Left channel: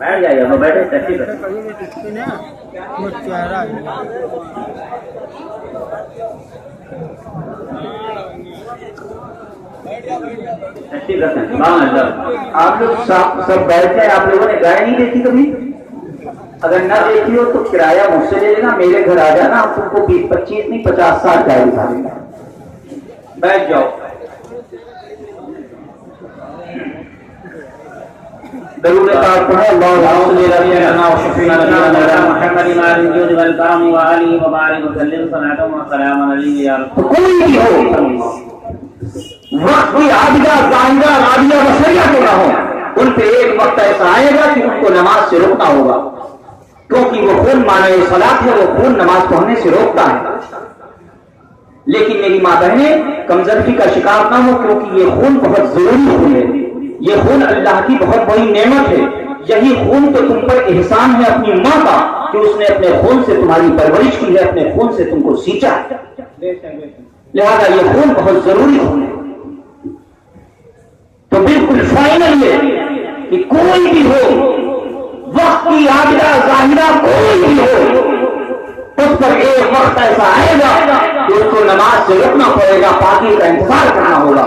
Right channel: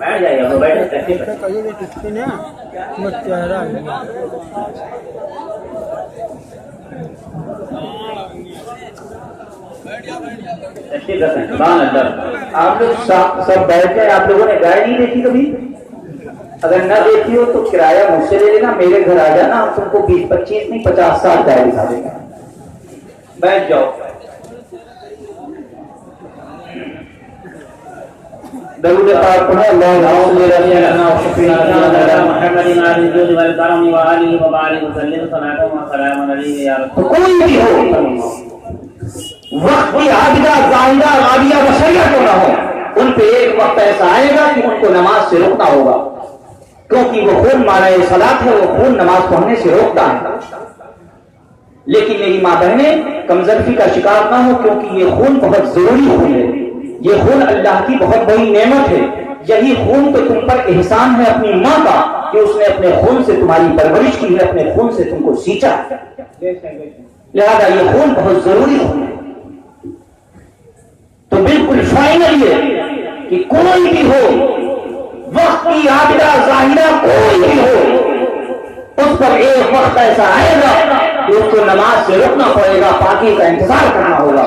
بیٹھ جائیے تو بیٹھے ٹیکسی پہ آپ لوگ سب بیٹھ جائے. آپ لوگوں نے گائے نہیں دیکھی کبھی؟ اگر نہ دیکھی ہو تو کرایہ مجھ سے لے لینا, میرے گھر آ جانا, تم کو 20-25 نہیں 50-60 گائے دکھا دیں گا. بیٹھ جاؤ. درود پاک پڑھو. اللهم صل على سيدنا محمد وعلى الجود والكرم وآله وبارك وسلم صلاة وسلام عليه يا رسول. کوئی بھی ہو, وقت کی عابدہ زاہدہ رابعہ بشریہ کیوں نہ ہو, ان پہ ایک وقت ایسا آئے گا کہ ان کو نماز سے روکنا ہوگا, کیونکہ وہ خون مانع صلاۃ ہے, وہ خون نماز پڑھنے سے روکتا ہے. لیکن میری ماں بہنیں کمزوری کا شکار نہ ہو, کیونکہ یہ خون بہت ضروری خون ہے. یہ خون اللہ کی بہت بڑی نعمت ہے. یہی خون تو تم پر احسان ہے اپنی ماں کا, کہ اس نے اپنے خون سے تمہاری پرورش کی ہے, اپنے خون سے تم کو سینچا. لہذا یہ خون بہت ضروری خون ہے. تو بالکل فائنل یہ کہ کوئی بھی ہو, وقت کی عابدہ ظاہرہ کوئی بھی ہو, اس پر ایک وقت ایسا آئے گا کہ اس کو نماز سے روکنا پڑے گا, پاکی کا انتظار کرنا ہوگا.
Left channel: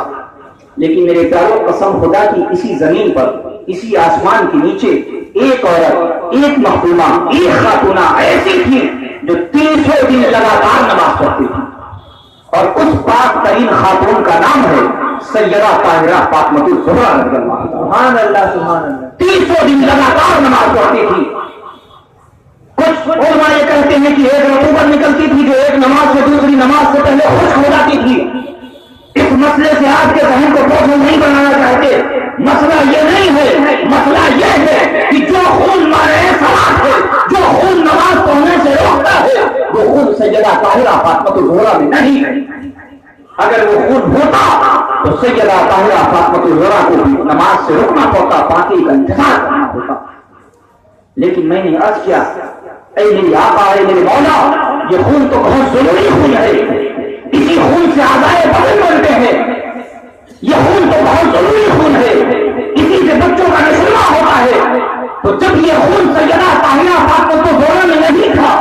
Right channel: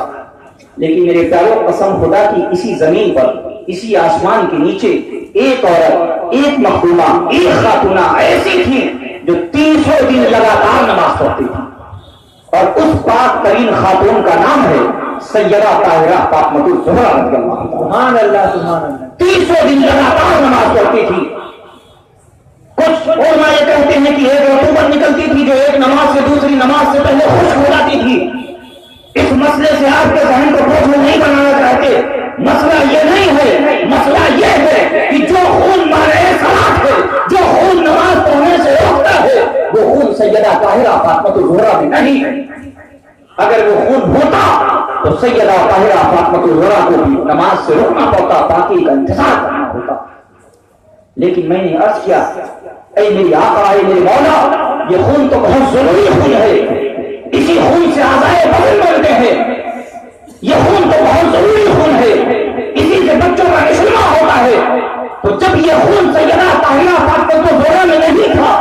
لیکن میرے پیاروں, قسم خدا کی اسی زمین پر, اسی آسمان کے نیچے ایک عورت, ایک مخدومہ, ایک خاتونہ ایسی تھی جو 300 دن لگاتار نماز پڑھتی تھی, اور اس پاک ترین خاتون کا نام ہے سیدہ طاہرہ فاطمہ الزہرا رضی اللہ عنہا. سبحان اللہ سبحان اللہ. 300 دن لگاتار نماز پڑھتی تھی. کچھ علماء یہ کہتے ہیں کہ ایک رتوبت نکلتی تھی جو ایک نماز سے دوسری نماز سے پہلے خشک ہو جاتی تھی. اس مسئلے سے آپ کے ذہن کو بوجھ نہیں بنانا چاہتے. مسئلہ یہ نہیں ہے, مسئلہ یہ ہے کہ جو خون مانع صلاۃ ہے, جو خون نماز پڑھنے سے روکتا ہے, وہ خون سیدہ طاہرہ فاطمہ الزہرا میں نہیں ہے. اگر وہ خون ہوتا تو سیدہ طاہرہ فاطمہ الزہرا کو بھی نماز سے روکنا پڑتا, پاکی کا انتظار کرنا ہوتا. لیکن میں نے عرض کیا, اے میری آقا, اے میرے مولا, یہ خون تو بہت ضروری خون ہے. اسی خون سے اعضائے بدن بنتے ہیں. یہ خون تو بہت ضروری خون ہے, اسی سے بچوں کا نشہ ہوتا ہے. تو جب یہ خون سیدہ طاہرہ فاطمہ الزہرا میں نہیں تھا,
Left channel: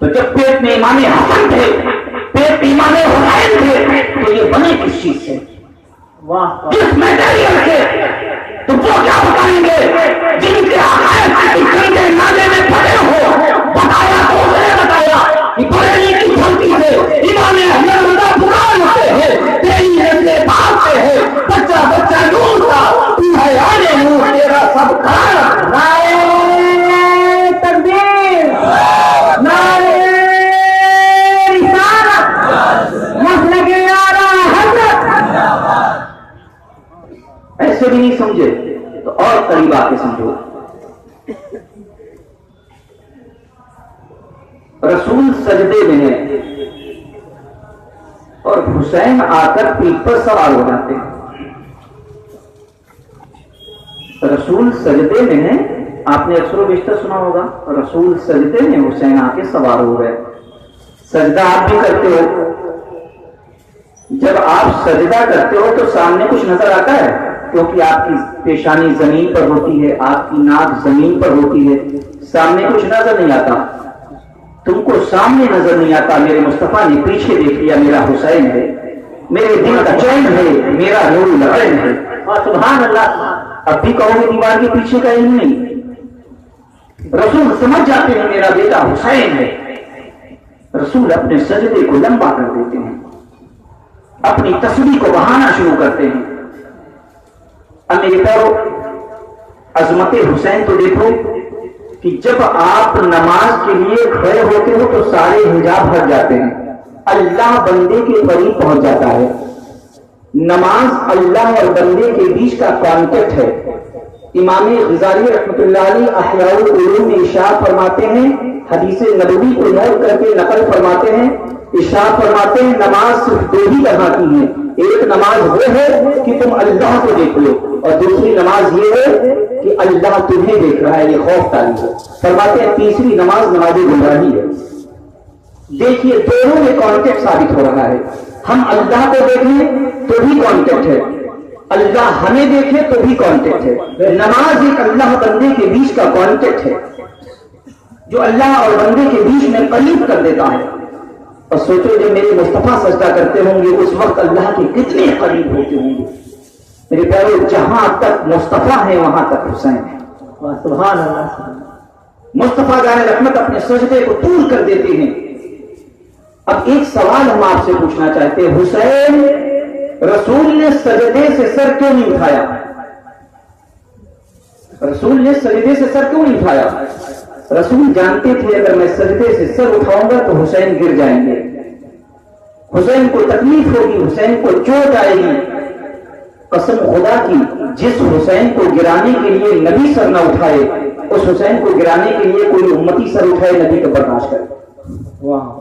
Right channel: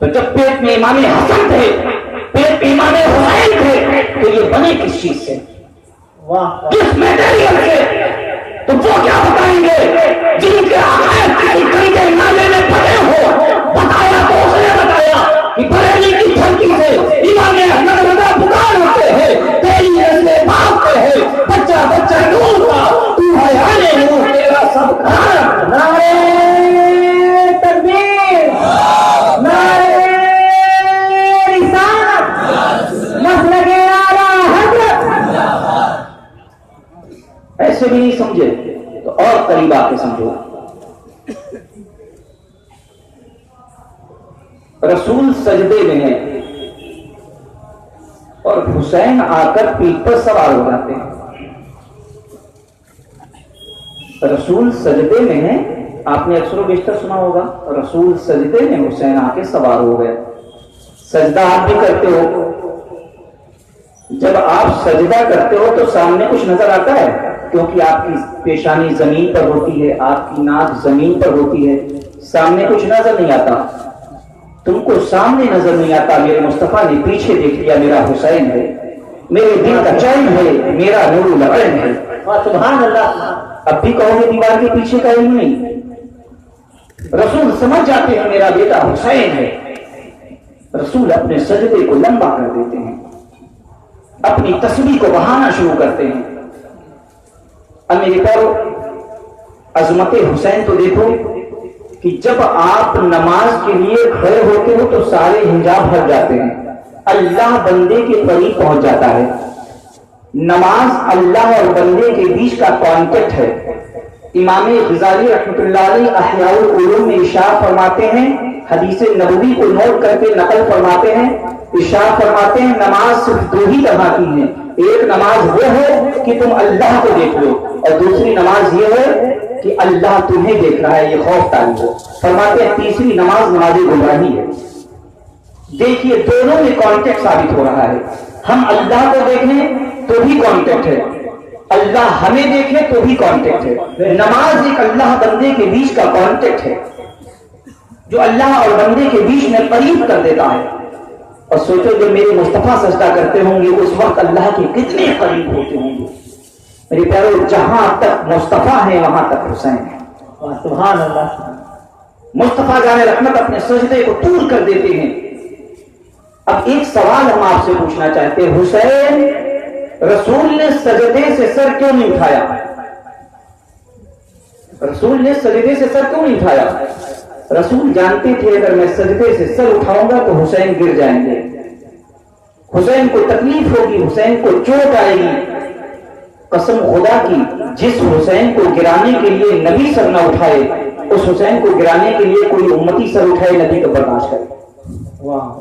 تو جب پیٹ میں امام حسن تھے, پیٹ میں امام حسین تھے, تو یہ بنے کس چیز سے, کس میٹیریل سے؟ تو وہ کیا بتائیں گے جن کے عقائد کسی گندے نالے میں پڑے ہو؟ بتایا تو اس نے بتایا کہ بریلی کی دھرتی سے امام احمد رضا پکار ہوتے ہیں, تیری نسل باپ سے ہے, بچہ بچہ نور کا, تو ہے آنے نور, تیرا سب کھانا. نعرہ تکبیر, نعرہ رسالت, مسلک اعلیٰ حضرت. ایسے بھی نہیں سمجھے تو اور قریب آ کے سمجھو. رسول سجدے میں ہیں اور حسین آ کر پیٹھ پر سوار ہو جاتے ہیں. رسول سجدے میں ہیں, آپ نے اکثر و بیشتر سنا ہوگا, رسول سجدے میں, حسین آ کے سوار ہو گئے. سجدہ آپ بھی کرتے ہو, جب آپ سجدہ کرتے ہو تو سامنے کچھ نظر آتا ہے, کیونکہ آپ کی پیشانی زمین پر ہوتی ہے, آپ کی ناک زمین پر ہوتی ہے, سامنے کچھ نظر نہیں آتا. تم کو سامنے نظر نہیں آتا, میرے مصطفیٰ نے پیچھے دیکھ لیا, میرا حسین ہے, میرے دل کا چین ہے, میرا نور العین ہے. سبحان اللہ. اب بھی کہو گے دیوار کے پیچھے کا علم نہیں. رسول سمجھ جاتے ہیں میرا بیٹا حسین ہے. رسول اپنے سجدے کو لمبا کر دیتے ہیں, اپنی تسبیح کو بہانا شروع کرتے ہیں. اب میرے پیارو, عظمت حسین تو دیکھو کہ جب آپ نماز کے لیے کھڑے ہوتے ہو تو سارے حجاب ہٹ جاتے ہیں, اللہ بندے کے قریب پہنچ جاتا ہے. نماز اللہ اور بندے کے بیچ کا کانٹیکٹ ہے. امام غزالی رحمۃ اللہ علیہ احیاء العلوم میں ارشاد فرماتے ہیں, حدیث نبوی کو نوٹ کر کے نقل فرماتے ہیں, ارشاد فرماتے ہیں نماز صرف دو ہی طرح کی ہے. ایک نماز وہ ہے کہ تم اللہ کو دیکھ لو, اور دوسری نماز یہ ہے کہ اللہ تمہیں دیکھ رہا ہے, یہ خوف تعلق ہو. فرماتے ہیں تیسری نماز نماز گمراہی ہے. دیکھیے دونوں میں کانٹیکٹ ثابت ہو رہا ہے. ہم اللہ کو دیکھیں تو بھی کانٹیکٹ ہے, اللہ ہمیں دیکھے تو بھی کانٹیکٹ ہے. نماز ایک اللہ بندے کے بیچ کا کانٹیکٹ ہے جو اللہ اور بندے کے بیچ میں قریب کر دیتا ہے. اور سوچو جب میرے مصطفیٰ سجدہ کرتے ہوں گے اس وقت اللہ کے کتنے قریب ہوتے ہوں گے. میرے پیارے جہاں تک مصطفیٰ ہے وہاں تک حسین ہے. سبحان اللہ. مصطفیٰ جان رحمت اپنے سجدے کو طول کر دیتے ہیں. اب ایک سوال ہم آپ سے پوچھنا چاہتے ہیں, حسین رسول نے سجدے سے سر کیوں نہیں اٹھایا؟ رسول نے سجدے سے سر کیوں نہیں اٹھایا؟ رسول جانتے تھے اگر میں سجدے سے سر اٹھاؤں گا تو حسین گر جائیں گے, حسین کو تکلیف ہوگی, حسین کو چوٹ آئے گی. قسم خدا کی جس حسین کو گرانے کے لیے نبی سر نہ اٹھائے اس حسین کو گرانے کے لیے کوئی امتی سر اٹھائے نبی کو برداشت کرے. واہ.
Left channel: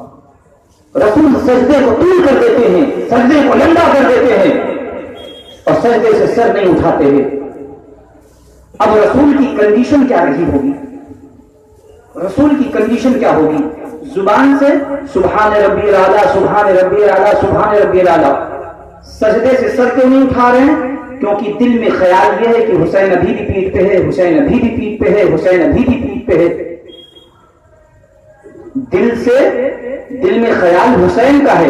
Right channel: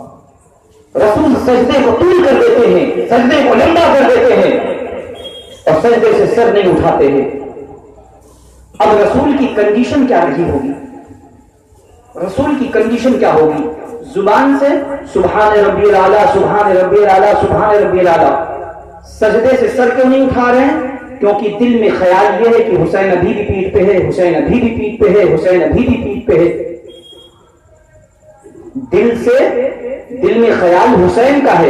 رسول سجدے کو طول کر دیتے ہیں, سجدے کو لمبا کر دیتے ہیں اور سجدے سے سر نہیں اٹھاتے ہیں. اب رسول کی کنڈیشن کیا رہی ہوگی؟ رسول کی کنڈیشن کیا ہوگی؟ زبان سے سبحان ربی الاعلیٰ سبحان ربی الاعلیٰ سبحان ربی الاعلیٰ. سجدے سے سر کیوں نہیں اٹھا رہے ہیں؟ کیونکہ دل میں خیال یہ ہے کہ حسین ابھی بھی پیٹھ پہ ہے, حسین ابھی بھی پیٹھ پہ ہے, حسین ابھی بھی پیٹھ پہ ہے. دل میں خیال حسین کا ہے,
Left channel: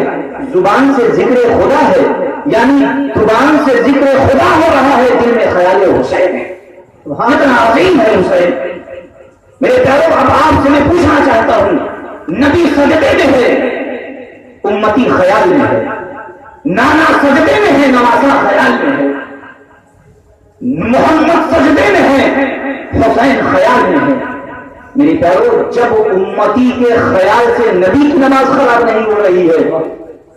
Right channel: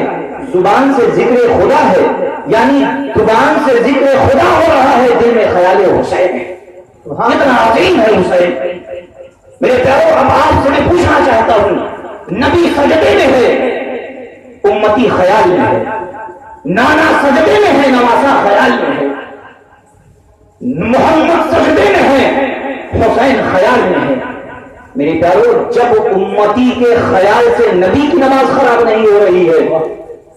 زبان سے ذکر خدا ہے, یعنی زبان سے ذکر خدا ہو رہا ہے, دل میں خیال حسین ہے. اتنا عظیم ہے حسین. میرے پیارو اب آپ سے میں پوچھنا چاہتا ہوں, نبی سجدے میں ہے, امتی خیال میں ہے. نانا سجدے میں ہے, نوازا خیال میں ہے. محمد سجدے میں ہے, حسین خیال میں ہے. میرے پیارو جب امتی کے خیال سے نبی کی نماز خراب نہیں ہو رہی ہے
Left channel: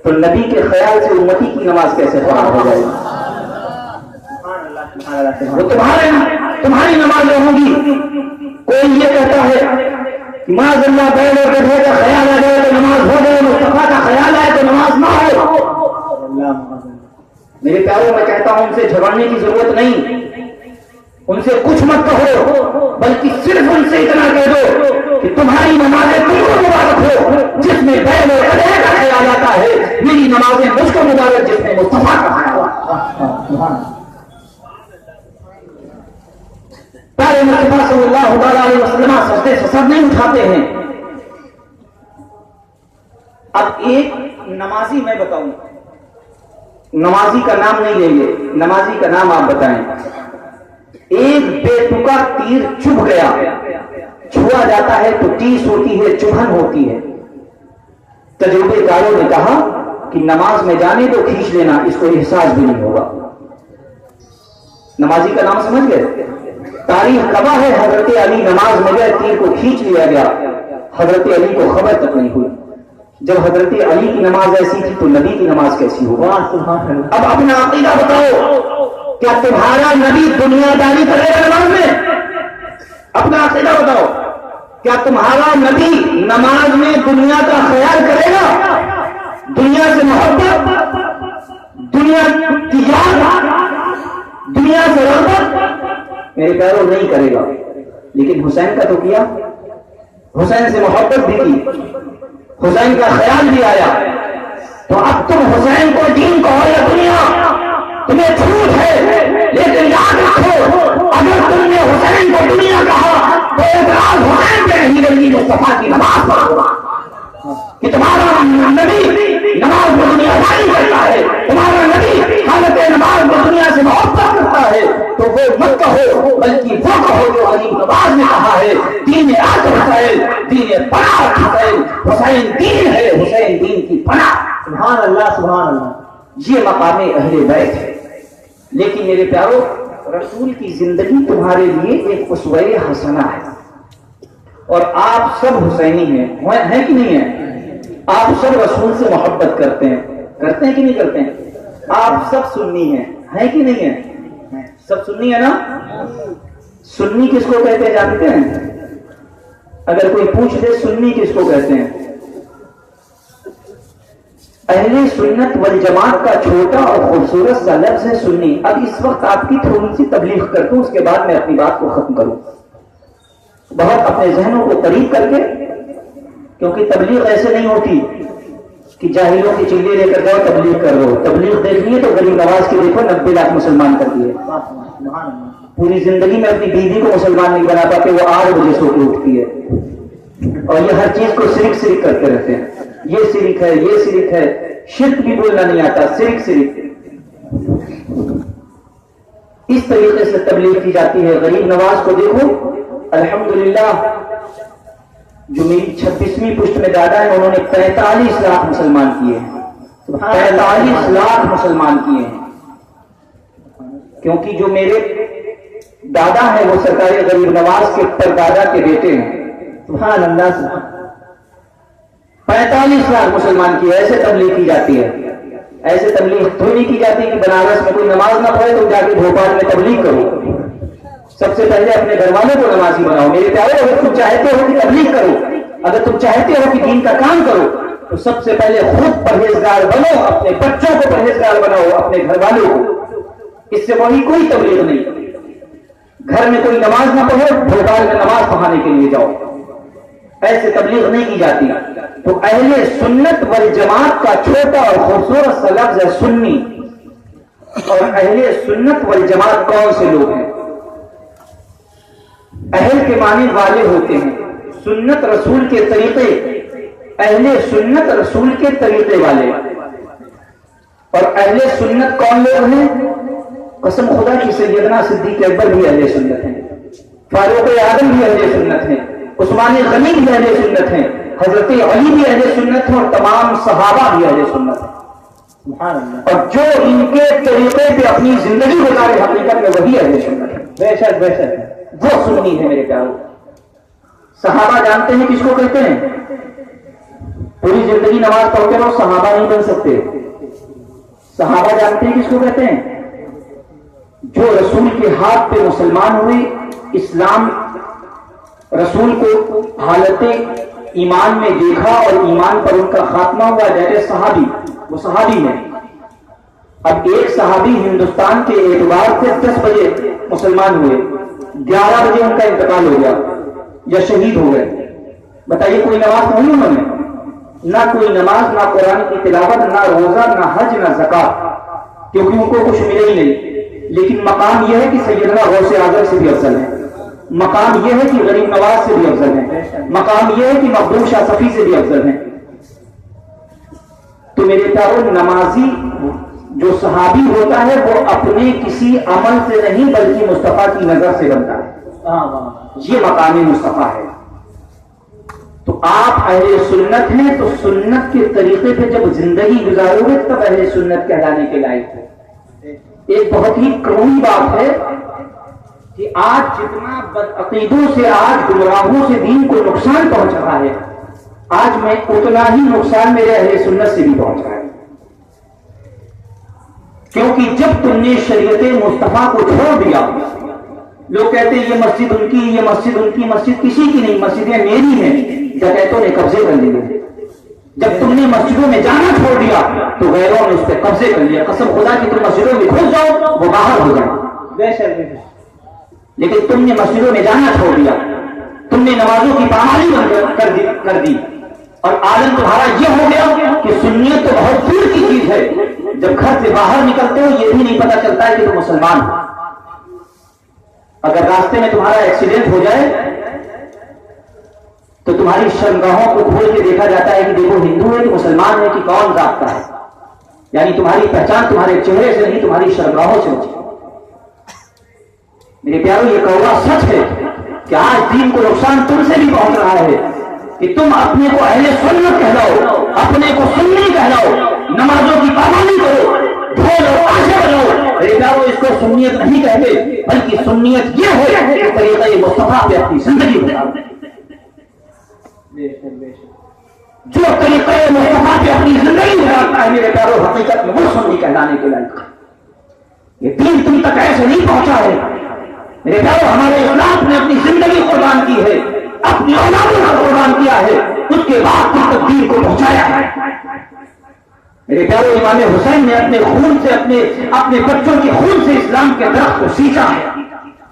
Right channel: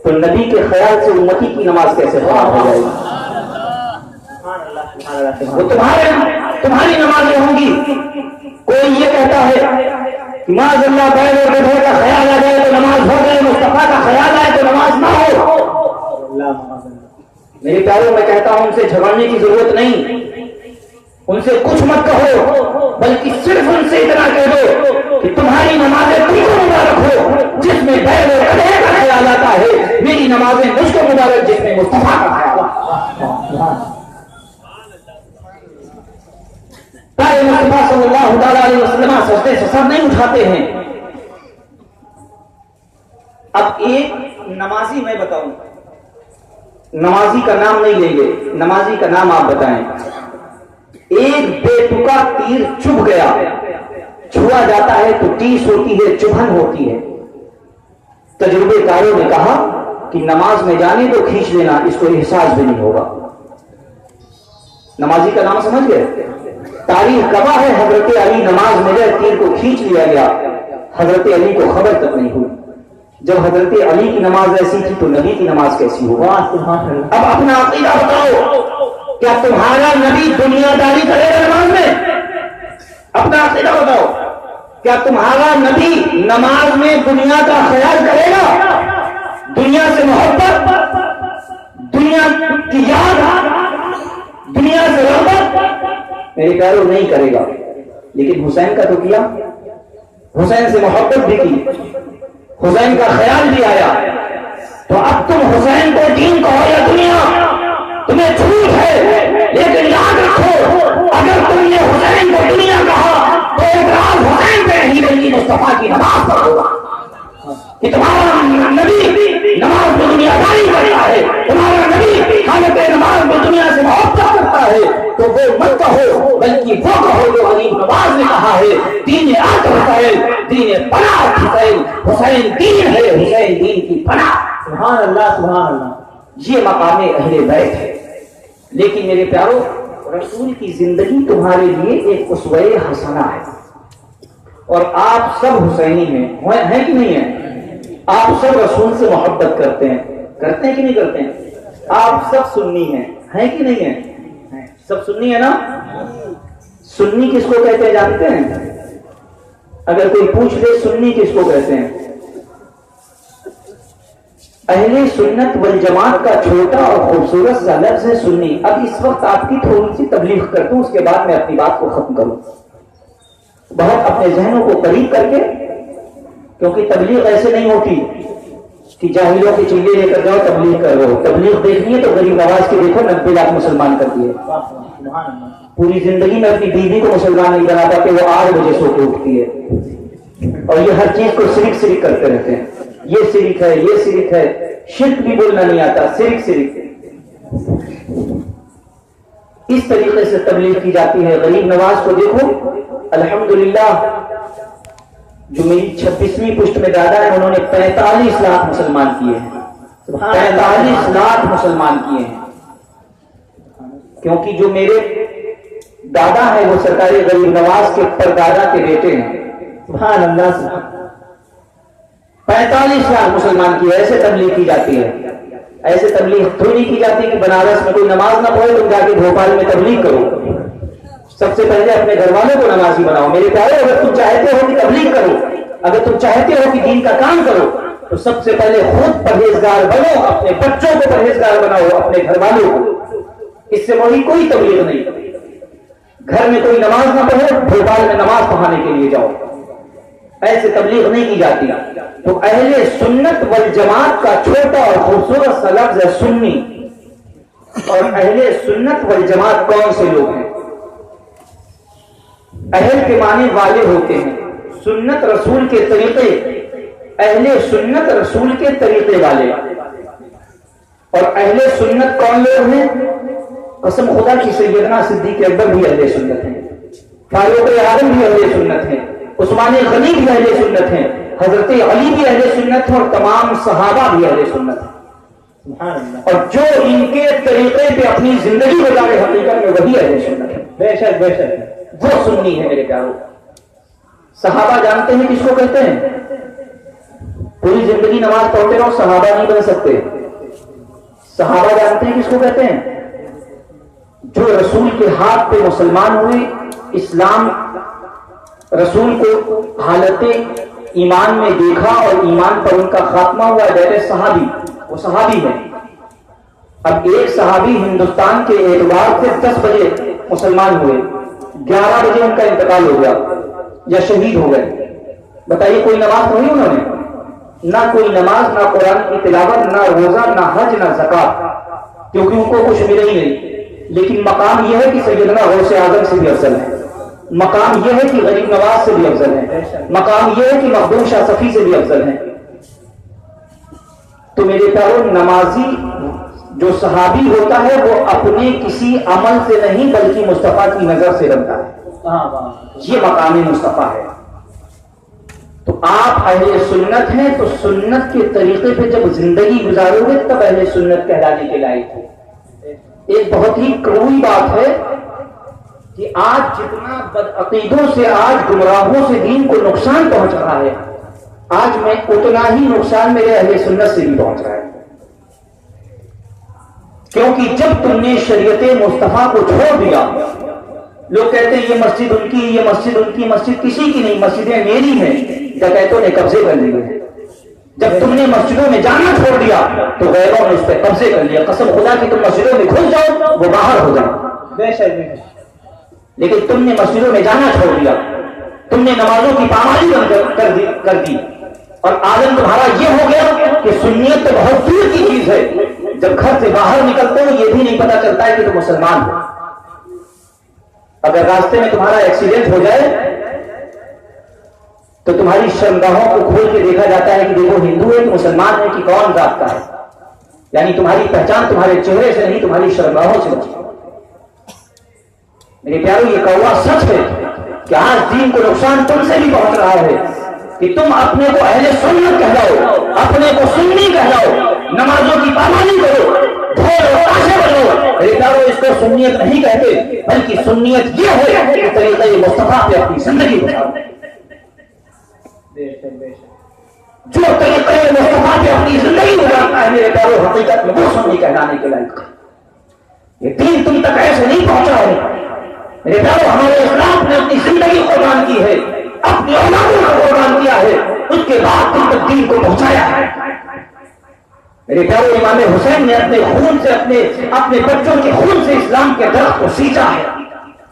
تو نبی کے خیال سے امتی کی نماز کیسے خراب ہو جائے گی؟ وہ تمہاری نمازیں ہوں گی. کوئی یہ کہتا ہے کہ معاذ اللہ پہلے بڑھے کا خیال آ جائے تو نماز ہو گئی, مصطفیٰ کا خیال آئے تو نماز نہ ہو. میرے پیاروں میں کہتا ہوں ان سے جھگڑنے کی ضرورت نہیں, ان سے کچھ مت کہو بلکہ صرف ان سے اتنا کہہ دو کہ تمہاری نمازیں تم کو مبارک ہو جس میں بیل و بڑھے کا خیال آتا ہے, میری نمازیں مجھ کو مبارک جس میں مصطفیٰ کا خیال آتا ہے. پیارے مصطفیٰ صلی اللہ تعالی علیہ وسلم سجدے سے سر نہیں اٹھاتے ہیں. اب ایک نمازی میں بتاؤں, نمازی کا نام نہیں لیں گے, نمازی کا نام آپ بتائیں. ایک بے تکا تیر چبھ گیا, چھوا جاتا ہے تو ٹیس ہوتی ہے, چبھن ہوتی ہے. تجربے کاروں نے کہا کہ نماز میں جانے کو کھینچ لینا, اس کو احساس بھی نہیں ہوگا. نمازی کا نام سمجھ گئے؟ تاریخ گواہ ہے حضرت علی نماز میں گئے, تیر کو کھینچ لیا گیا, حضرت علی کو خبر تک نہیں ہوئی. جب حضرت علی کی نماز ایسی تھی تو نبی کی نماز کیسی ہوگا؟ اب اپنا عقیدہ بتاؤ, کیا تمہارا نبی دنیا داری کرے گا نماز میں؟ اپنا عقیدہ بتاؤ, کیا تمہارا نبی نماز میں دنیا کا خیال کرے گا؟ دنیا سے محبت, دنیا کی یاد, دنیا سے رغبت میرے پیاروں نہیں کرے گا. لیکن حسین کا تو کیا, حسین سے محبت بھی کی, حسین کا خیال بھی آیا. تو اب تم حسین کو دین کہو یا دنیا, تمہیں چھوٹ ہے, لیکن یاد رکھو اگر تم نے حسین کو دنیا کہا تو اعتراض حسین پہ نہیں بلکہ مصطفیٰ کی نماز پر ہوگا کہ تمہارا نبی نماز میں دنیا داری کرتا ہے, تمہارا نبی حالت نماز میں دنیا سے محبت کرتا ہے. تو وہ مت کہو بلکہ وہ کہو جو علی نواز نے کہا ہے, دین آج حسین, دین پناہ حسین, حسین دین ہے, حسین دین کی پناہ. سبحان اللہ سبحان اللہ. یہ مقام اہل بیت ہے. لیکن میرے پیارو رسول کی زندگی تمہارے لیے ایک اسوہ حسنہ ہے, اور آپ سب حسینی ہیں کہ نہیں ہیں؟ آپ سب رسول سے محبت کرتے ہیں کہ نہیں کرتے ہیں؟ آپ سب سنی ہیں کہ نہیں ہیں؟ سب سنی ہے نا. سنی کس کو کہتے ہیں جانتے ہیں؟ اگر کوئی پوچھ لے سنی کس کو کہتے ہیں, اہل سنت والجماعت کا چھوٹا اور خوبصورت سا لفظ ہے سنی. اب اس وقت آپ کی تھوڑی سی تبلیغ کرتا ہوں, اس کے بعد میں اپنی بات کو ختم کروں. بہت اپنے ذہنوں کو قریب کر کے, کیونکہ تبلیغ ایسے نہیں ہوتی کہ جاہلوں کی چنگے لے کر جاؤ تبلیغ کر رہے ہو. تبلیغ دیکھنی ہے تو غریب نواز کی دیکھو, 90 لاکھ مسلمان کر دیے. پوری زندگی میں اپنی بیوی کو مسلمان نہیں بنا پاتے, وہ 8 بجے سو کے اٹھتی ہے اور یہ ہر چیز کو شرک کرتے رہتے ہیں. یہ شرک ہے, یہ شرک ہے. شرک بھی بولنا نہیں آتا, شرک. اس طریقے سے تبلیغ کی جاتی ہے. غریب نواز کو دیکھو, الحمدللہ جو میری 26ویں پشت میں دادا ہے, انہوں نے 45 لاکھ مسلمان کیے ہیں. 45 لاکھ مسلمان کیے ہیں. کیونکہ جو میرے دادا ہے وہ سرکاری غریب نواز کے پردادا کے بیٹے ہیں. سبحان اللہ. 45 لاکھ مسلمان کیے. ایسے تبلیغ کی جاتی ہے. ایسے تبلیغ تھوڑی کی جاتی ہے کہ بنارس میں کوئی نماز نہ پڑھے تم جا کے بھوپال میں تبلیغ کرو. سب سے پہلے اپنے گھر والوں کو نمازی بناؤ. میرے پیارے, اگر تم چاہتے ہو کہ تبلیغ کرو, اگر تم چاہتے ہو کہ دین کا کام کرو, تو سب سے پہلے خود پرہیزگار بنو, اپنے بچوں کو پرہیزگار بناؤ, اپنے گھر والوں کو. اس سے وہی کوئی تبلیغ نہیں. گھر میں کوئی نماز نہ پڑھو, بھوپال میں نماز پڑھانے کے لیے جاؤ. ایسے تبلیغ نہیں کی جاتی. تو اہل سنت والجماعت کا چھوٹا اور خوبصورت سا لفظ ہے سنی. اور اہل سنت والجماعت کون سے لوگ ہیں؟ اہل کے معنی والے ہوتے ہیں. سنت رسول کے طریقے, اہل سنت رسول کے طریقے والے. اور اہل سنت کون لوگ ہیں؟ قسم خدا کی سیدنا صدیق اکبر بھی اہل سنت ہیں, فاروق اعظم بھی اہل سنت ہیں, عثمان غنی بھی اہل سنت ہیں, حضرت علی بھی اہل سنت ہیں, اور تمام صحابہ بھی اہل سنت ہیں. اور جو ان کے طریقے پہ اپنی زندگی گزارے حقیقت میں وہی اہل سنت ہے. بے شک وہ سنی ہے میرے پیاروں. صحابہ جانتے ہیں کس کو کہتے ہیں؟ پوری زندگی نماز پڑھتے رہو, صحابہ نہیں بن سکتے. صحابہ جانتے ہیں کس کو کہتے ہیں؟ جو رسول کے ہاتھ پہ مسلمان ہوئے, اسلام رسول کو حالت ایمان میں دیکھا اور ایمان پر ان کا خاتمہ ہوا, جیسے صحابی, وہ صحابی ہیں. اب ایک صحابی ہندوستان کے اعتبار سے 10 بجے مسلمان ہوئے, 11 بجے ان کا انتقال ہو گیا یا شہید ہو گئے. بتائیے کوئی نماز پڑھی انہوں نے؟ نہ کوئی نماز, نہ قرآن کی تلاوت, نہ روزہ, نہ حج, نہ زکات, کیونکہ ان کو کچھ ملے ہی نہیں. لیکن مقام یہ ہے کہ سیدنا غوث اعظم سے بھی افضل ہے. مقام یہ ہے کہ غریب نواز سے بھی افضل ہے. مقام یہ ہے کہ مخدوم شاہ صفی سے بھی افضل ہے. تو میرے پیاروں, نمازی جو صحابی ہوتا ہے وہ اپنے کسی عمل سے نہیں بلکہ مصطفیٰ کی نظر سے بنتا ہے. یہ مقامی مصطفیٰ ہے. تو آپ اہل سنت ہیں, تو سنت کے طریقے پہ جب زندگی گزارو گے تب اہل سنت کہلانے کے لائق ہو. ایک بہت ہی کڑوی بات ہے کہ آج جتنا بدعقیدوں سے, آج گمراہوں سے دین کو نقصان پہنچ رہا ہے, آج میں اتنا ہی نقصان میرے اہل سنت سے بھی پہنچ رہا ہے. کیونکہ جب تم نے شریعت مصطفیٰ کو چھوڑ دیا, لوگ کہتے ہیں یہ مسجد ان کی, یہ مسجد ان کی. مسجد کسی کی نہیں, مسجدیں میری ہیں, ڈکیتوں نے قبضے کر لیے. جب تم نے مسجدوں میں جانا چھوڑ دیا تو غیروں نے اس پہ قبضے کر لیا. قسم خدا کی تم مسجدوں میں گھس جاؤ, وہ باہر ہو جائے. لیکن تم نے مسجدوں میں جانا چھوڑ دیا, تم نے نمازوں کی پامالی کر دی, اور عالم تمہارا یہ ہو گیا کہ سنیت تو بہت دور کی چیز ہے. جب گھر سے باہر نکلتے ہو یہ بھی نہیں پتا چلتا ہے کہ تم مسلمان ہو. اگر راستے میں تمہارا ایکسیڈنٹ ہو جائے تو تمہاری شرمگاہوں کو کھول کے دیکھا جاتا ہے کہ دیکھو ہندو ہے کہ مسلمان ہے کہ کون ذات کا ہے. یعنی تمہاری پہچان تمہارے چہرے سے نہیں, تمہاری شرمگاہوں سے نہیں. میرے پیاروں, یہ کہا سچ ہے کہ آج دین کو نقصان تم سے بھی پہنچ رہا ہے کہ تم اپنے کو اہل سنت کہلاؤ, اپنے کو سنی کہلاؤ, نمازوں کی پابندی کرو, میرے پیاروں, اس کو سنیت نہیں کہتے, بلکہ سنیت یہ ہے کہ طریقہ مصطفیٰ پہ اپنی زندگی گزارو. جو طریقہ مصطفیٰ پہ اپنی زندگی گزارتا ہے میرے پیاروں, حقیقت میں وہ سنی کہلانے کے لائق. یہ دین تم تک ایسے نہیں پہنچا ہے میرے پیاروں. ہمارے اسلام نے اپنی زندگی قربان کی ہے, اپنی اولادوں کا قربان کیا ہے, اس کے بعد تم تک دین کو پہنچایا ہے. میرے پیاروں, امام حسین نے اپنے خون سے, اپنے بچوں کے خون سے اسلام کے درخت کو سینچا ہے.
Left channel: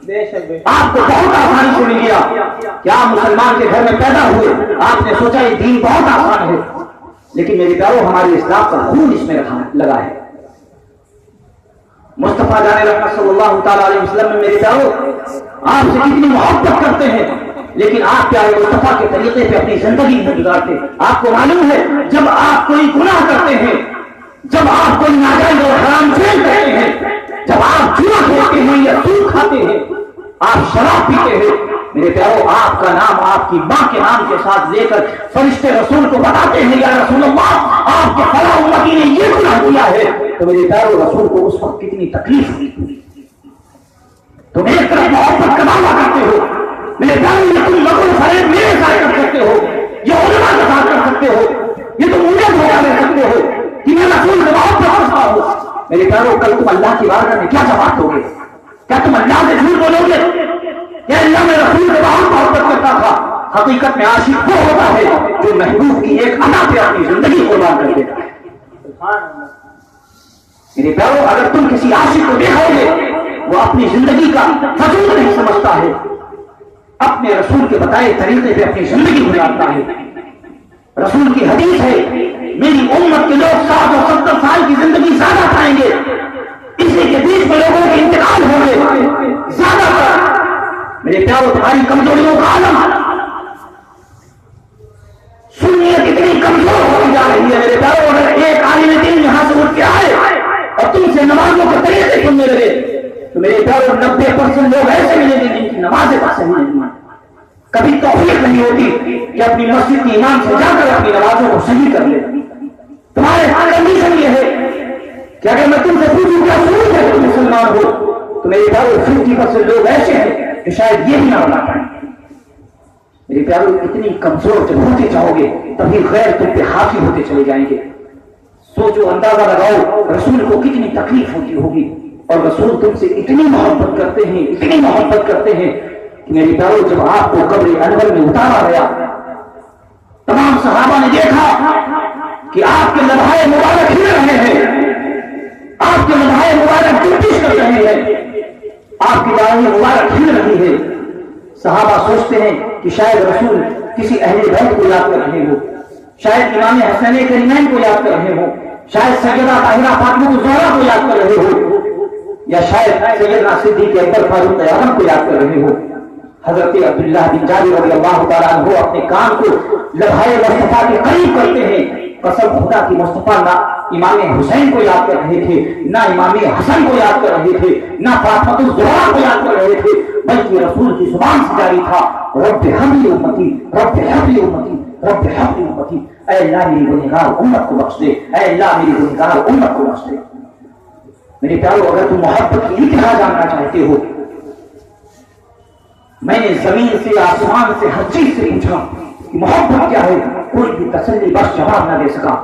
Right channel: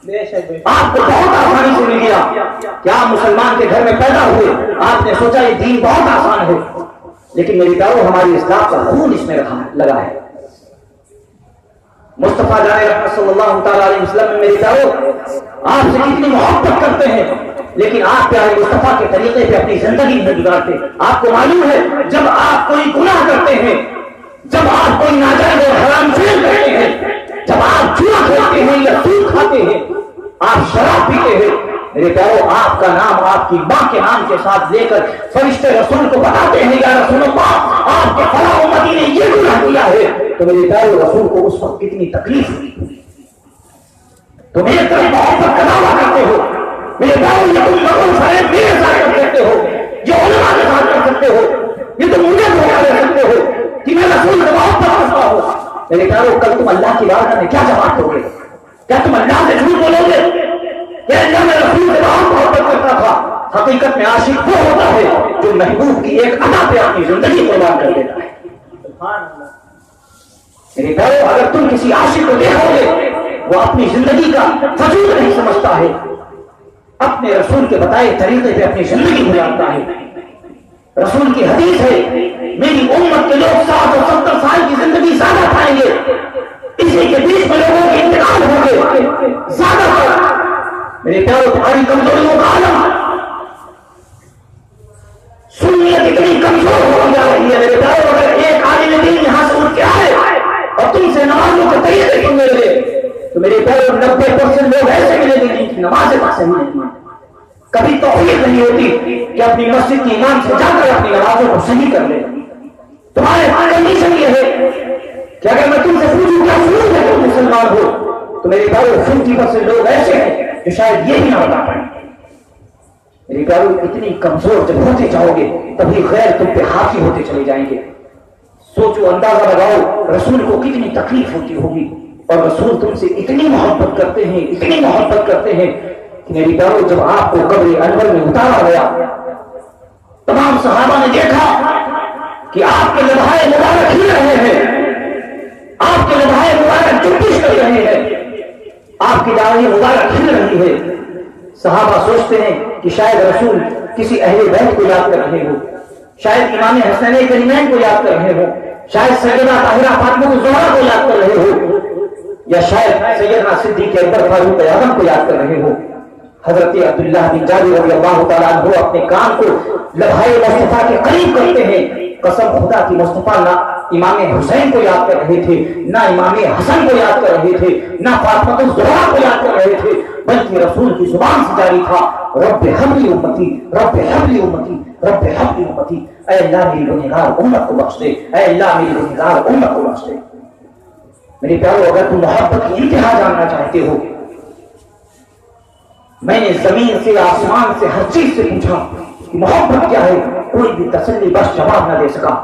آپ کو بہت آسانی سے مل گیا کہ آپ مسلمان کے گھر میں پیدا ہوئے, آپ نے سوچا یہ دین بہت آسان ہے. لیکن میرے پیارو ہماری اسلام کا خون اس میں لگا ہے. مصطفیٰ جان رحمت صلی اللہ تعالیٰ علیہ وسلم میں میرے پیارو آپ سے کتنی محبت کرتے ہیں، لیکن آپ پیارے مصطفیٰ کے طریقے پہ اپنی زندگی میں گزارتے. آپ کو معلوم ہے جب آپ کوئی گناہ کرتے ہیں، جب آپ کوئی ناجائز اور حرام فعل کرتے ہیں، جب آپ جوا کھیلتے ہیں یا سود کھاتے ہیں، آپ شراب پیتے ہیں، میرے پیارو آپ کا نام آپ کی ماں کے نام کے ساتھ لے کر فرشتے رسول کو بتاتے ہیں یا رسول اللہ آپ کے فلاں امتی نے یہ گناہ کیا ہے، تو میرے پیارو رسول کو اس وقت کتنی تکلیف ہوئی. تم ایک طرف محبت کا دعویٰ کرتے ہو، میرے پیارو یہ تم نقل فریب میرے ساتھ کر سکتے ہو، یہ علماء کے ساتھ کر سکتے ہو، یہ تم مجھے دھوکہ دے سکتے ہو کہ میں رسول کو محبت کرتا ہوں. میرے پیارو کل تم اللہ کی بارگاہ میں کیا جواب دو گے؟ کیا تم اللہ سے جھوٹ بولو گے کہ اللہ میں رسول کو بہت محبت کرتا تھا؟ حقیقت میں عاشق وہ ہوتا ہے جو محبوب کی ایک ادا پہ اپنی زندگی قربان کر دیتا ہے. میرے پیارو اگر تم کسی عاشق کو دیکھو گے وہ اپنی زندگی کا وجود نہیں سمجھتا ہے، اپنے رسول کے بتائے طریقے پہ اپنی زندگی گزارتا ہے. رسول کی حدیث ہے میری امت کے لوگ 60 اور 70 سال کی زندگی زیادہ پائیں گے، اسی کے بیچ میں لوگوں کے انتقال ہوں گے زیادہ تر. میرے پیارو تمہاری کمزوریوں کا عالم سنیت اتنی کمزور ہو جا رہی ہے. میرے پیارو اگر ایک عالم دین یہاں سے اٹھ کے آئے اور تم سے نمازوں کے طریقے سننے لگے تو میرے پیارو 90% لوگ ایسے ملیں گے جن کی نماز پاس نہیں، کبھی توفیق نہیں ہوتی کہ اپنی مسجد کی امام سے جا کر اپنی نمازوں کو صحیح کر لے. تمہارے کنڈیشن یہ ہے کہ اگر میں تم سے پوچھوں کیا ضرور ہے تم مسلمان ہو تو میرے پیارو 50% لوگ ایسے ہیں کہ شاید یہ ہی نہ بتا پائیں. میرے پیارو اتنی کمزور جب ہوتے جاؤ گے تبھی غیر تم پہ حاوی ہوتے چلے جائیں گے. سوچو، اندازہ لگاؤ رسول کو کتنی تکلیف ہوتی ہوگی، اور رسول تم سے اتنی محبت کرتے ہیں، اتنی محبت کرتے ہیں کہ میری پیارو جب آپ کو قبر انور میں اتارا گیا تمام صحابہ نے دیکھا کہ آپ کے لمحے مبارک ہل رہے ہیں، آپ کے لمحے مبارک جنبش کر رہے ہیں، آپ کی داڑھی مبارک ہل رہی ہے. صحابہ سوچتے ہیں کہ شاید رسول کسی اہل بیت کو یاد کر رہے ہو، شاید امام حسین کرینین کو یاد کر رہے ہو، شاید سیدہ طاہرہ فاطمہ الزہرا کو یاد کر رہے ہو، یا شاید سیدنا صدیق اکبر فاروق اعظم کو یاد کر رہے ہو. حضرت عبداللہ بن جابر رضی اللہ تعالیٰ عنہ اپنے کان کو لمحے مصطفیٰ کے قریب کرتے ہیں. قسم خدا کی مصطفیٰ نہ امام حسین کو یاد کر رہے تھے، نہ امام حسن کو یاد کر رہے تھے، نہ فاطمہ الزہرا کو یاد کر رہے تھے، بلکہ رسول کی زبان سے جاری تھا رب ہب لی امتی، رب ہب لی امتی، رب ہب لی امتی. اے اللہ میری گنہگار امت کو بخش دے، اے اللہ میری گنہگار امت کو بخش دے. میرے پیارو اگر تم محبت کی انتہا جاننا چاہتے ہو، میں نے زمین سے آسمان سے ہر چیز سے پوچھا کہ محبت کیا ہے، کوئی بھی تسلی بخش جواب نہ دے سکا.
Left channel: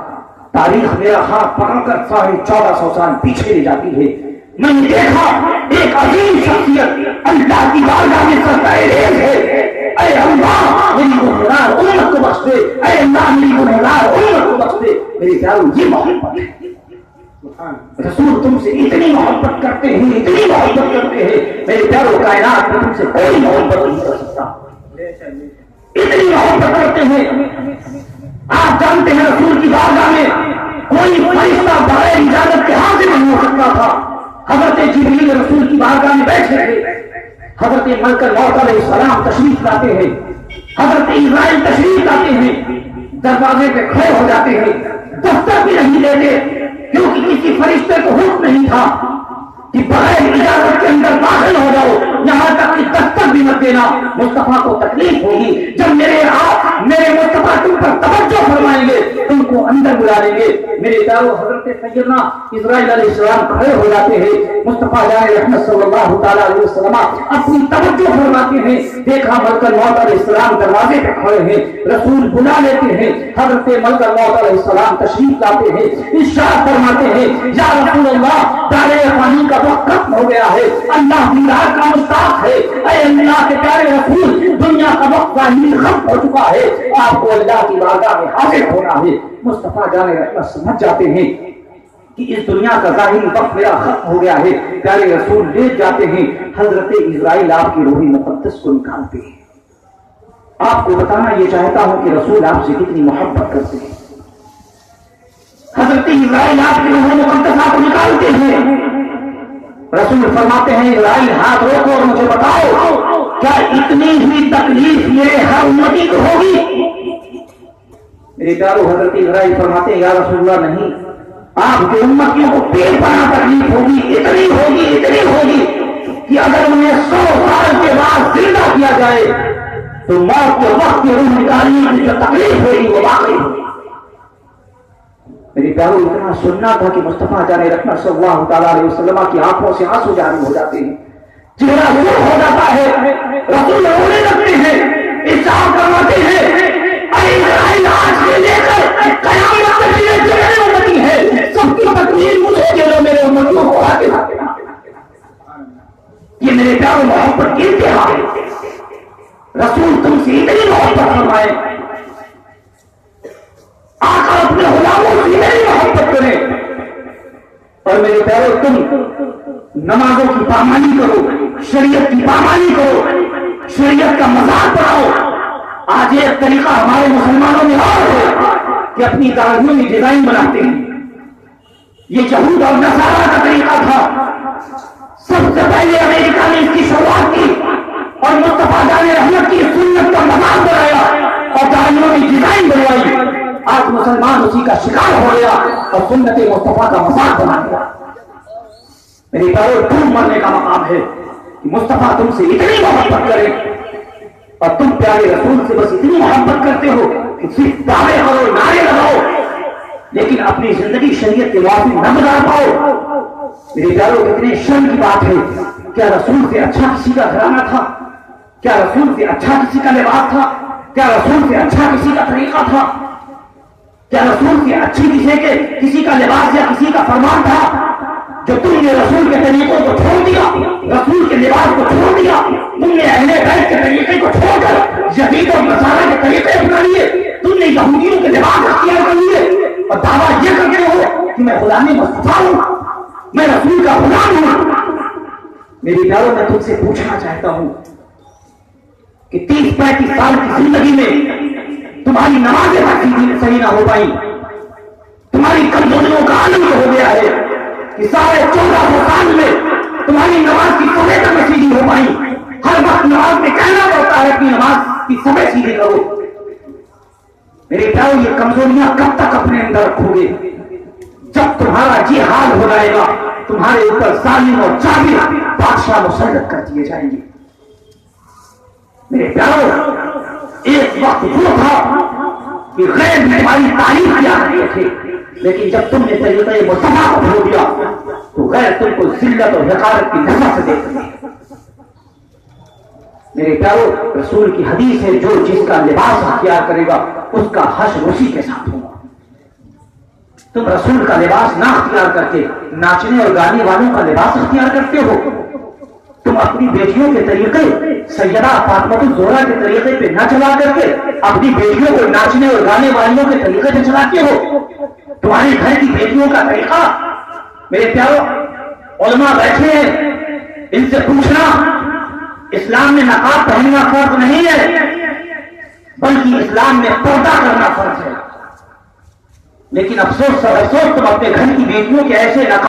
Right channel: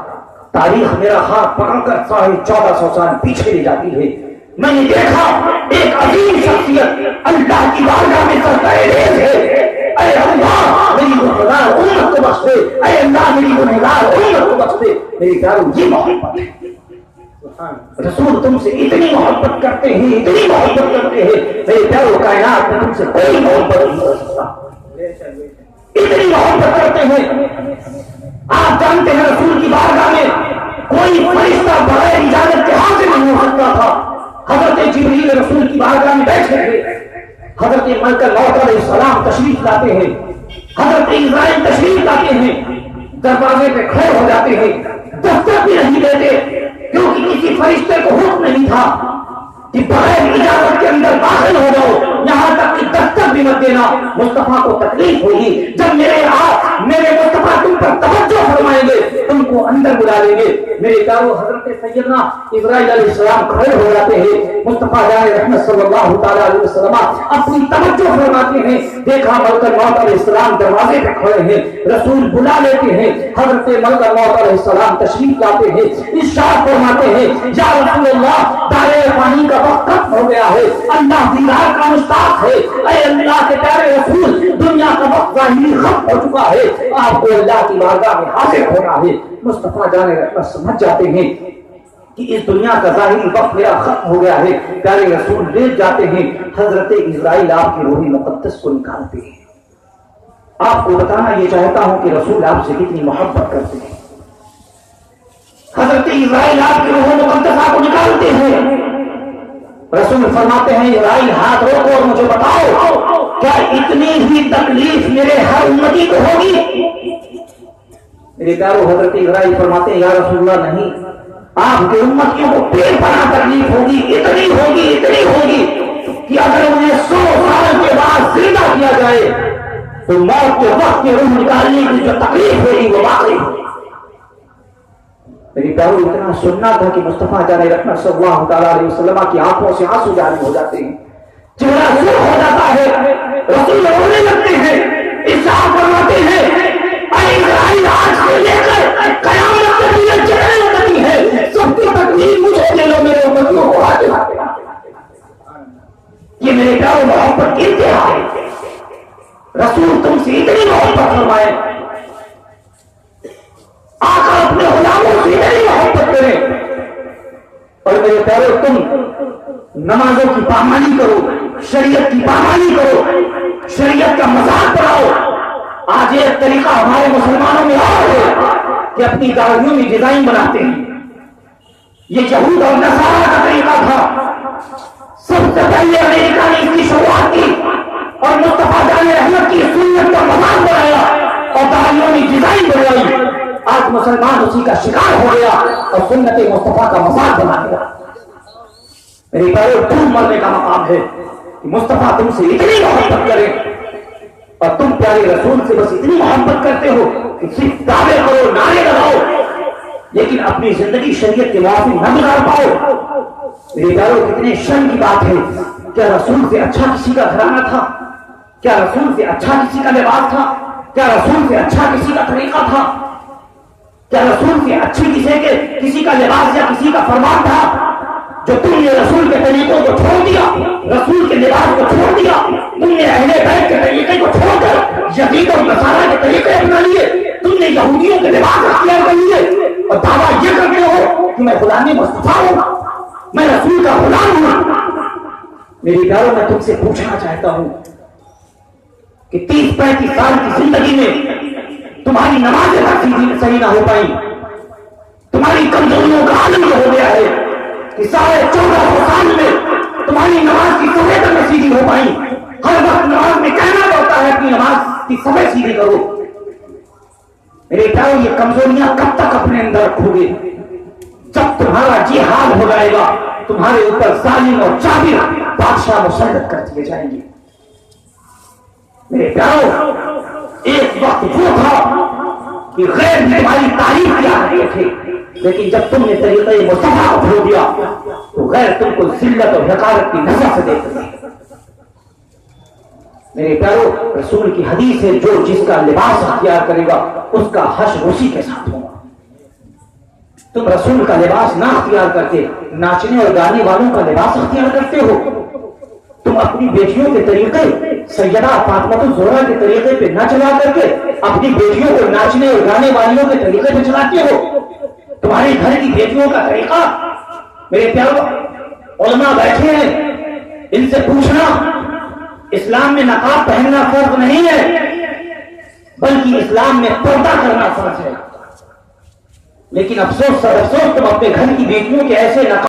تاریخ میرا ہاتھ پکڑ کر 1450 سال پیچھے لے جاتی ہے. میں نے دیکھا ایک عظیم شخصیت اللہ کی بارگاہ میں سرکار ہے، اے اللہ میری گنہگار امت کو بخش دے، اے اللہ میری گنہگار امت کو بخش دے. میرے پیارو یہ محبت ہے. رسول تم سے اتنی محبت کرتے ہیں، اتنی محبت کرتے ہیں، میرے پیارو کائنات میں تم سے کوئی محبت نہیں کر سکتا. اتنی محبت کرتے ہیں. آپ جانتے ہیں رسول کی بارگاہ میں کوئی فرشتہ بغیر اجازت کے حاضر نہیں ہو سکتا تھا. حضرت جبریل رسول کی بارگاہ میں بیٹھے تھے، حضرت ملک الموت علیہ السلام تشریف لاتے ہیں، حضرت اسرائیل تشریف لاتے ہیں، دروازے پہ کھڑے ہو جاتے ہیں، دستک بھی نہیں دیتے کیونکہ کسی فرشتے کو حکم نہیں تھا کہ بغیر اجازت کے اندر داخل ہو جاؤ، یہاں تک کہ دستک بھی مت دینا. مصطفیٰ کو تکلیف ہوگی جب میرے مصطفیٰ تم پر توجہ فرمائیں گے، تم کو اندر بلا لیں گے. میرے پیارو حضرت سیدنا اسرائیل علیہ السلام کھڑے ہو جاتے ہیں، مصطفیٰ رحمت صلی اللہ تعالیٰ علیہ وسلم اپنی توجہ فرماتے ہیں. دیکھا ملک الموت علیہ السلام دروازے پہ کھڑے ہیں، رسول بلا لیتے ہیں، حضرت ملک الموت علیہ السلام تشریف لاتے ہیں، ارشاد فرماتے ہیں یا رسول اللہ دائرۂ فانی کا وقت ختم ہو گیا ہے، اللہ دیدار کا مشتاق ہے. اے اللہ کے پیارے رسول دنیا کا وقت ظاہری ختم ہو چکا ہے، آپ کو اللہ کی بارگاہ میں حاضر ہونا ہے. مصطفیٰ جان رحمت سمجھ جاتے ہیں کہ اس دنیا کا ظاہری وقت میرا ختم ہو گیا ہے. پیارے رسول لیٹ جاتے ہیں، حضرت اسرائیل آپ کی روح مقدس کو نکالتے ہیں. آپ کو بتانا یہ چاہتا ہوں کہ رسول آپ سے کتنی محبت کرتے ہیں. حضرت اسرائیل آپ کی روح مقدسہ کو نکالتے ہیں. رسول فرماتے ہیں اسرائیل ہاتھ روکو اور مجھے بتاؤ کیا اتنی ہی تکلیف میرے ہر امتی کو ہوگی؟ میرے پیارو حضرت اسرائیل فرماتے ہیں یا رسول اللہ نہیں، آپ کے امتیوں کو پیٹ پناہ تکلیف ہوگی، اتنی ہوگی کہ اگر انہیں 100 سال کے بعد زندہ کیا جائے تو موت کے وقت کی روح نکالنے کی جو تکلیف ہوگی وہ واقعی ہوگی. میری پیارو اتنا سننا تھا کہ مصطفیٰ جان رحمت صلی اللہ تعالیٰ علیہ وسلم کی آنکھوں سے آنسو جاری ہو جاتے ہیں، چہرہ سرخ ہو جاتا ہے، رسول رونے لگتے ہیں، ارشاد فرماتے ہیں اے اسرائیل آج سے لے کر قیامت تک یہ جتنے امتی ہے سب کی تکلیف مجھے دے دو، میرے امتیوں کو آگے. یہ میرے پیارو محبت کی انتہا ہے. رسول تم سے اتنی محبت فرمائے، آقا اپنے غلاموں سے اتنی محبت کریں، اور میرے پیارو تم نمازوں کی پامانی کرو، شریعت کی پامانی کرو، شریعت کا مذاق بناؤ. آج یہ طریقہ ہمارے مسلمانوں میں اور ہے کہ اپنی داڑھیوں میں ڈیزائن بناتے ہیں. یہ یہود اور نصارہ کا طریقہ تھا. سب سے پہلے امریکہ نے اس کی شروعات کی اور مصطفیٰ جان رحمت کی سنت کا مذاق بنایا اور داڑھیوں میں ڈیزائن بنوائی. آج مسلمان اسی کا شکار ہو گیا اور سنت مصطفیٰ کا مذاق بنا گیا. میرے پیارو ڈھونڈ مرنے کا مقام ہے کہ مصطفیٰ تم سے اتنی محبت کرے اور تم پیارے رسول سے بس اتنی محبت کرتے ہو کہ صرف دعوے کرو، نعرے لگاؤ، لیکن اپنی زندگی شریعت کے موافق نہ گزار پاؤ. میرے پیارو کتنے شرم کی بات ہے. کیا رسول سے اچھا کسی کا گھرانہ تھا؟ کیا رسول سے اچھا کسی کا لباس تھا؟ کیا رسول سے اچھا کسی کا طریقہ تھا؟ کیا رسول سے اچھی کسی کا لباس یا کسی کا فرمان تھا؟ جو تم نے رسول کے طریقوں کو چھوڑ دیا، رسول کے لباس کو چھوڑ دیا، تم نے اہل بیت کے طریقے کو چھوڑ کر یہود اور نصارہ کے طریقے اپنا لیے، تم نے یہودیوں کے لباس اختیار کر لیے اور دعویٰ یہ کر کے ہو کہ میں خدا نے مصطفیٰ ہوں، میں رسول کا غلام ہوں. میری پیاروں میں تم سے پوچھنا چاہتا ہوں کہ 30-35 سال کی زندگی میں تمہاری نمازیں تک صحیح نہ ہو پائی، تمہاری کمزوریوں کا عالم یہ ہو گیا ہے کہ سارے 1400 سال میں تمہاری نماز کی سمے تک سیدھی ہو پائی. ہر وقت نماز میں کہنا پڑتا ہے کہ نماز کی سمے سیدھی کرو. میرے پیارو یہ کمزوریاں کب تک اپنے اندر رکھو گے؟ جب تمہارا جی حال ہو جائے گا تمہارے اوپر ظالم اور جابر بادشاہ مسلط کر دیے جائیں گے. میرے پیارو ایک وقت وہ تھا کہ غیر نے ہماری تعریف کیا کرتے تھے، لیکن جب تم نے طریقہ مصطفیٰ کو چھوڑ دیا تو غیر تم کو ذلت اور حقارت کی نظر سے دیکھتے ہیں. میرے پیارو رسول کی حدیث ہے جو جس کا لباس اختیار کرے گا اس کا حشر اسی کے ساتھ ہوگا. تم رسول کا لباس نہ اختیار کر کے ناچنے اور گانے والوں کا لباس اختیار کرتے ہو. تم اپنی بیٹیوں کے طریقے سیدہ فاطمہ الزہرا کے طریقے پہ نہ چلا کر کے اپنی بیٹیوں کو ناچنے اور گانے والوں کے طریقے پہ چلاتے ہو. تمہارے گھر کی بیٹیوں کا طریقہ، میرے پیارو علماء بیٹھے ہیں، ان سے پوچھنا اسلام میں نقاب پہننا فرض نہیں ہے بلکہ اسلام میں پردہ کرنا فرض ہے. لیکن افسوس تم اپنے گھر کی بیٹیوں کے ایسے نقاب